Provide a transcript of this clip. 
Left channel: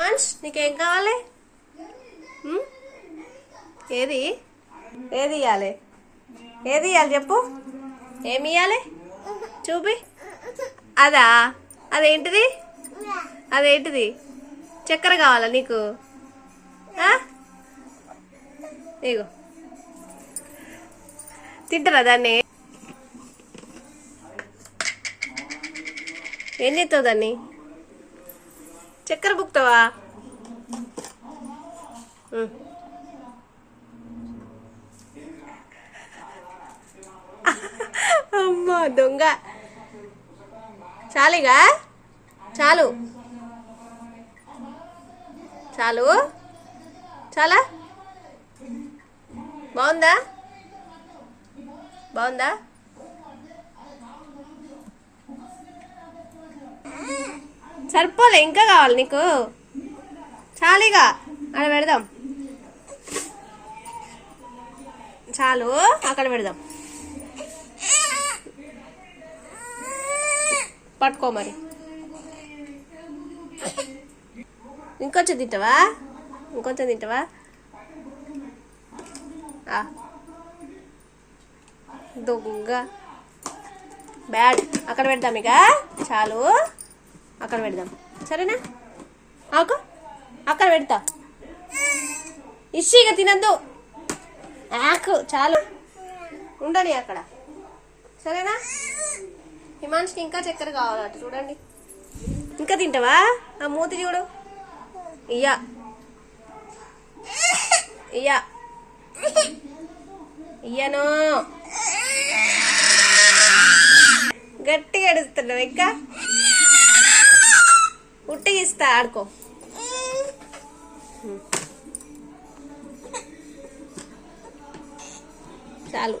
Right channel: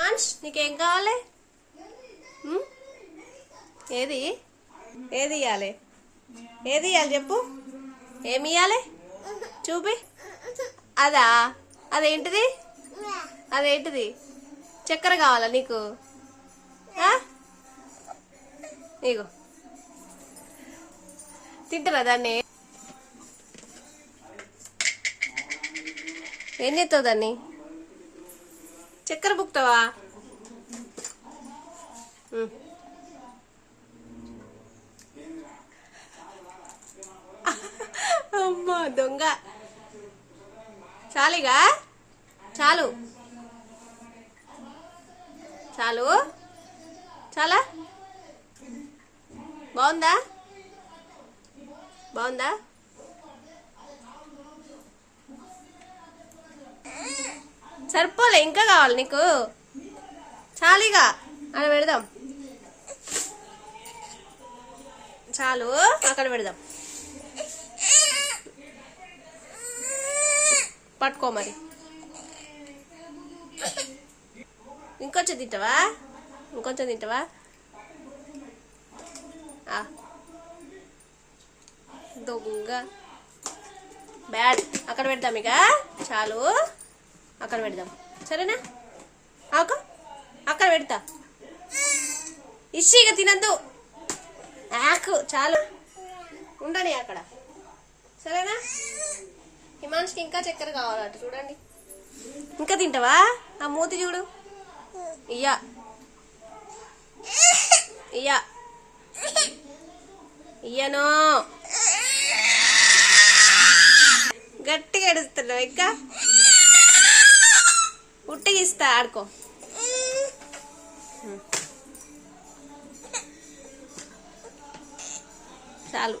నీకేం కావాలి? ఏది ఏది ఇవ్వాలి? ఏది ఇవ్వాలి చెప్పు. ఏమి ఇవ్వాలి చూపి. అదా? అదేంటిది? అదేంటిది? చక్కెర కావాలా నీకు? ఇగో తింటారా దాన్ని? ఏం చేస్తావు దాన్ని? చక్కెర బుక్తావా? అమ్మా దొంగ. చాలిగా చాలు చాలు చాలా బాగుందా? బాగుందా? సరిపోలే ఇంకా కావాలి నీకు? చాలిగా అక్కడ పెడదాం. చాలు అక్కడ పెడదాం. పట్టుకో మరి. ఇంకొంచెం తింటావా? ఇంకొంచెం తింటావా? దొంగ బ్యాడ్. అక్కడ పెడదాం ఇక. చాలు అక్కడ పెడదాం సరేనా? అక్కడ పెడతా. ఇచ్చి ఇక తినద్దు. ఆకు చాలు ఉండని అక్కడ సరేనా? హిమాన్షికి ఇంకా చక్కెర కావాలట చూడండి. ఇంకా తింటావా? ఆ మూతి చూడు. ఇయ్యా ఇయ్యా ఇయ్యను. గట్టిగా అడుగుతున్నావు ఇంకా. ఉట్టిగా ఇస్తా ఆడుకో. చాలు.